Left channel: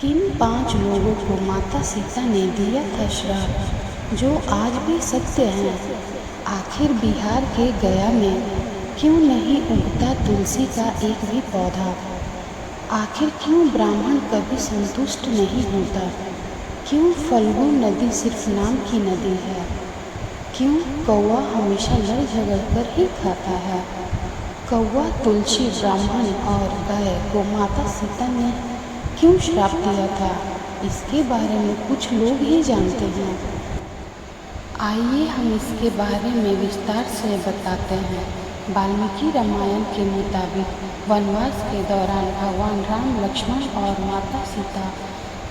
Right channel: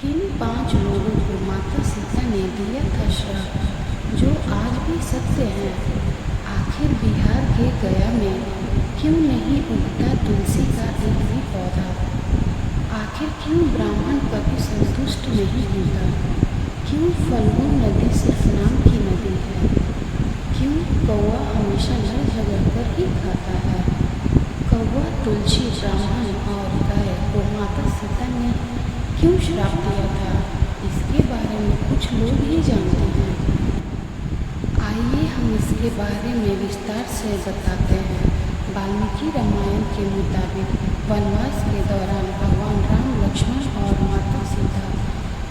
किन 5 लोगों को माता सीता ने दिया था श्राप जो आज भी सत्य है। आखिर बिहार के गया में क्यों नहीं उगता तुलसी का एक भी पौधा। आखिर क्यों ब्राह्मण कभी संतुष्ट नहीं होता। क्यों फल्गु नदी सिर्फ नाम की नदी है। क्यों कौवा हमेशा लड़ झगड़ कर ही खाता है। कौवा, तुलसी, ब्राह्मण और गाय को माता सीता ने क्यों श्राप दिया था, इसके बारे में कुछ लोग ही जानते हैं। आइए हम इसके बारे में विस्तार से बताते हैं। वाल्मीकि रामायण के मुताबिक वनवास के दौरान भगवान राम, लक्ष्मण और माता सीता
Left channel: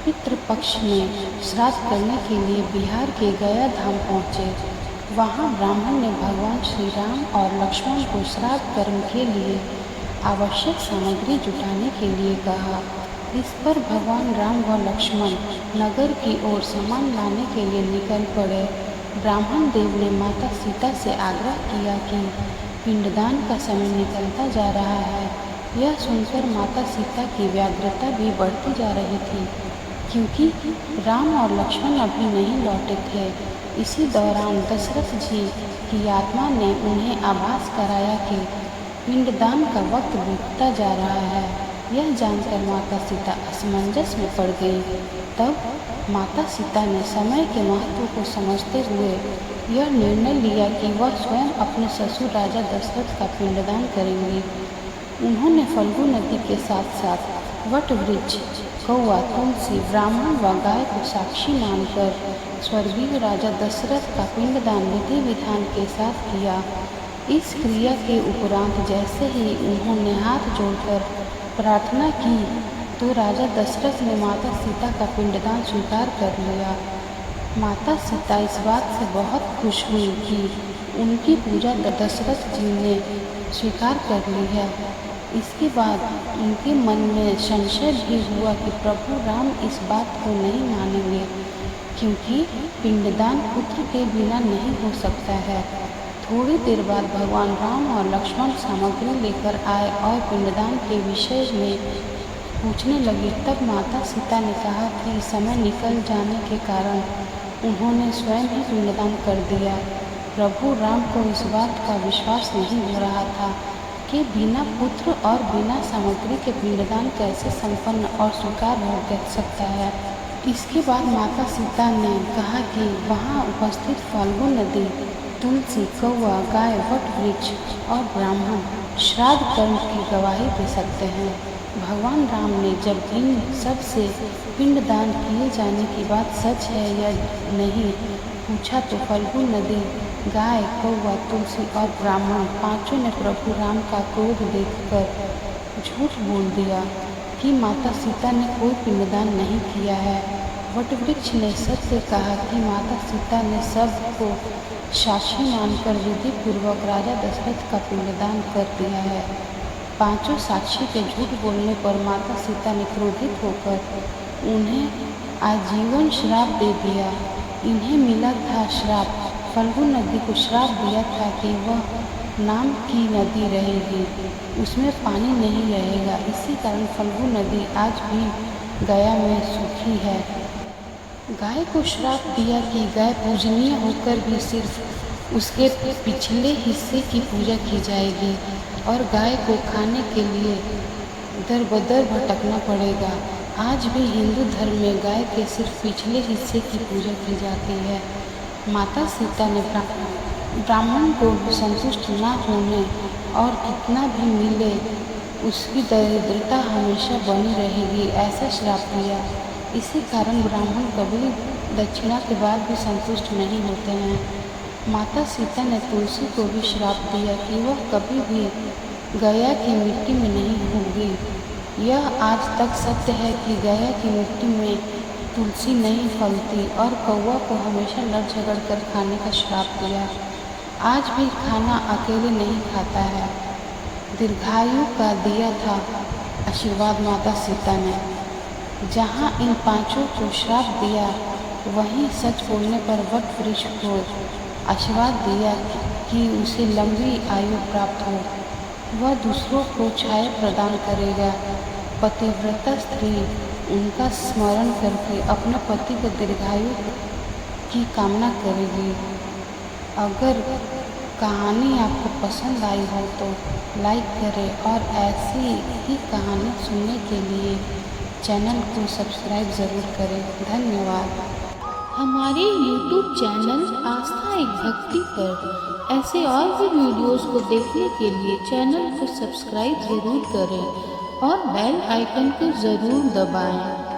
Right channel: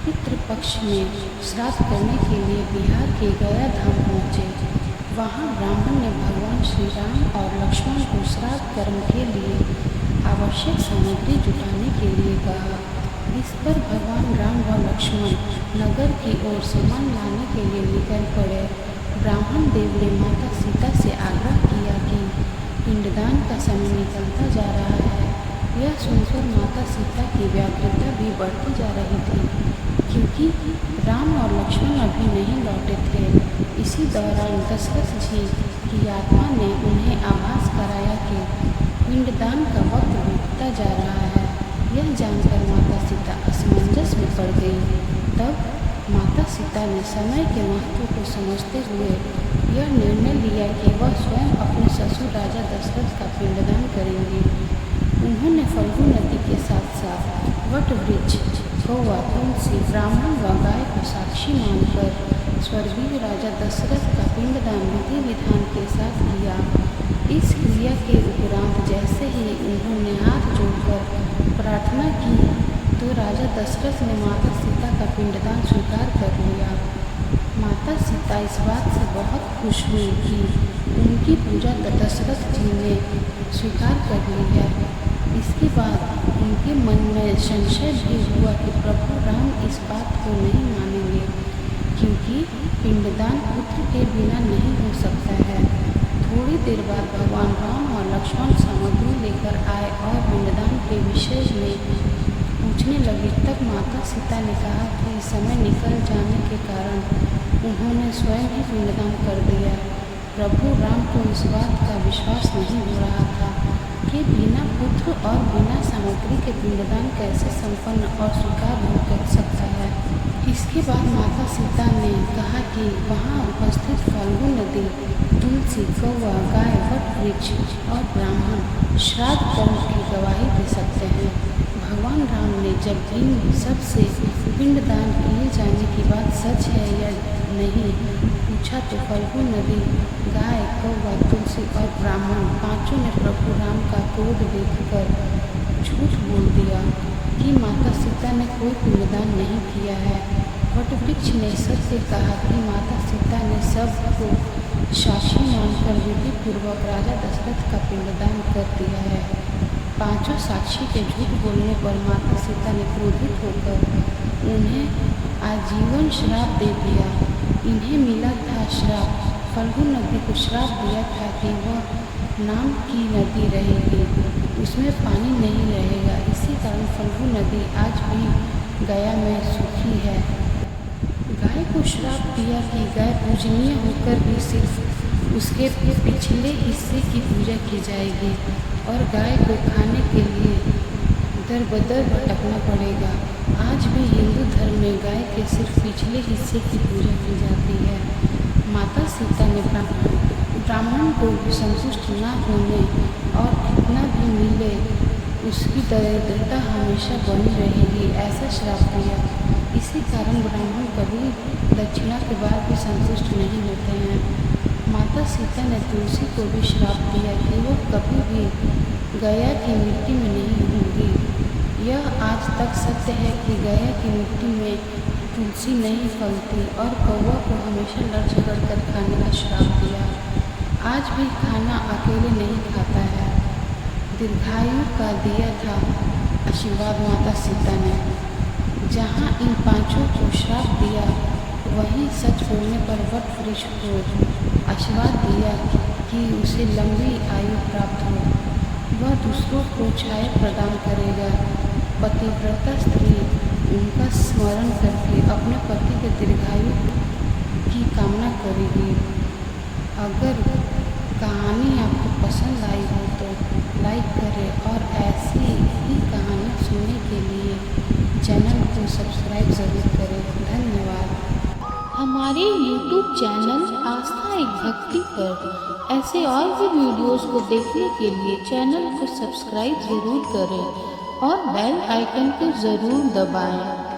पितृपक्ष में श्राद्ध करने के लिए बिहार के गया धाम पहुँचे। वहाँ ब्राह्मण ने भगवान श्री राम और लक्ष्मण को श्राद्ध कर्म के लिए आवश्यक सामग्री जुटाने के लिए कहा। इस पर भगवान राम व लक्ष्मण नगर की ओर सामान लाने के लिए निकल पड़े। ब्राह्मण देव ने माता सीता से आग्रह किया कि पिंडदान का समय निकलता जा रहा है। यह सुनकर माता सीता की व्यग्रता भी बढ़ती जा रही थी, क्योंकि राम और लक्ष्मण अभी नहीं लौटे थे। इसी दौरान दशरथ जी की आत्मा ने उन्हें आभास कराया कि पिंडदान का वक्त बीतता जा रहा है। यह जानकर माता सीता असमंजस में पड़ गई। तब माता सीता ने समय के महत्व को समझते हुए यह निर्णय लिया कि वह स्वयं अपने ससुर राजा दशरथ का पिंडदान करेंगी। उन्होंने फल्गु नदी के साथ साथ वट वृक्ष, कौवा, तुलसी, ब्राह्मण व गाय को साक्षी मानकर स्वर्गीय राजा दशरथ का पिंडदान विधि विधान के साथ किया। इस क्रिया के उपरांत जैसे ही उन्होंने हाथ जोड़कर प्रार्थना की तो राजा दशरथ ने माता सीता का पिंडदान स्वीकार कर लिया। माता सीता इस बात से बहुत खुश हुई कि उनकी पूजा दशरथ जी ने स्वीकार कर ली है। इसके बाद उनके मन में संशय भी हुआ कि प्रभु राम इस बात को नहीं मानेंगे, क्योंकि पिंडदान पुत्र के बिना नहीं हो सकता है। थोड़ी देर बाद भगवान राम और लक्ष्मण सामग्री लेकर आए और पिंडदान के विषय में पूछने लगे। तब माता सीता ने कहा कि समय निकल जाने के कारण उन्होंने स्वयं ही पिंडदान कर दिया। प्रभु राम को इस बात का विश्वास नहीं हो रहा था कि बिना पुत्र और बिना सामग्री के पिंडदान कैसे संपन्न और स्वीकार हो सकता है। इसके बाद माता सीता ने कहा कि वहाँ उपस्थित फाल्गु नदी, तुलसी, कौवा, गाय, वट वृक्ष और ब्राह्मण श्राद्ध कर्म की गवाही दे सकते हैं। भगवान राम ने जब इन सब से पिंडदान किए जाने की बात सच है या नहीं पूछा तो फल्गु नदी, गाय, कौवा, तुलसी और ब्राह्मण पांचों ने प्रभु राम का क्रोध देखकर झूठ बोल दिया कि माता सीता ने कोई पिंडदान नहीं किया है। वटवृक्ष ने सत्य कहा कि माता सीता ने सबको साक्षी मानकर विधि पूर्वक राजा दशरथ का पिंडदान कर दिया है। पांचों साक्षी के झूठ बोलने पर माता सीता ने क्रोधित होकर उन्हें आजीवन श्राप दे दिया। इन्हें मिला था श्राप। फल्गु नदी को श्राप दिया था कि वह नाम की नदी रहेगी, उसमें पानी नहीं रहेगा। इसी कारण फल्गु नदी आज भी गया में सूखी है। गाय को श्राप दिया कि गाय पूजनीय होकर भी सिर्फ उसके पिछले हिस्से की पूजा की जाएगी और गाय को खाने के लिए दर बदर भटकना पड़ेगा। आज भी हिंदू धर्म में गाय के सिर्फ पिछले हिस्से की पूजा की जाती है। माता सीता ने ब्राह्मण को संतुष्ट न होने और कितना भी मिले उसकी दरिद्रता हमेशा बनी रहेगी ऐसा श्राप दिया। इसी कारण ब्राह्मण कभी दक्षिणा के बाद भी संतुष्ट नहीं होते हैं। माता सीता ने तुलसी को भी श्राप दिया कि वह कभी भी गया की मिट्टी में नहीं होगी। यह आज तक सत्य है कि गया की मिट्टी में तुलसी नहीं फलती। और कौवा को हमेशा लड़ झगड़ कर खाने का श्राप दिया। आज भी खाना अकेले नहीं खाता है। दीर्घायु का दिया था आशीर्वाद माता सीता ने। जहाँ इन पांचों को श्राप दिया वहीं सच बोलने पर वट वृक्ष को आशीर्वाद दिया कि उसे लंबी आयु प्राप्त हो, वह दूसरों को छाया प्रदान करेगा। पतिव्रता स्त्री उनका स्मरण करके अपने पति के दीर्घायु की कामना करेगी। अगर कहानी आपको पसंद आई हो तो लाइक करें और ऐसी ही कहानी सुनने के लिए चैनल को सब्सक्राइब ज़रूर करें। धन्यवाद। हमारे YouTube चैनल आस्था एक भक्ति पर ऐसे और भी वीडियोस को देखने के लिए चैनल को सब्सक्राइब ज़रूर करें और बेल आइकन को ज़रूर दबाएं।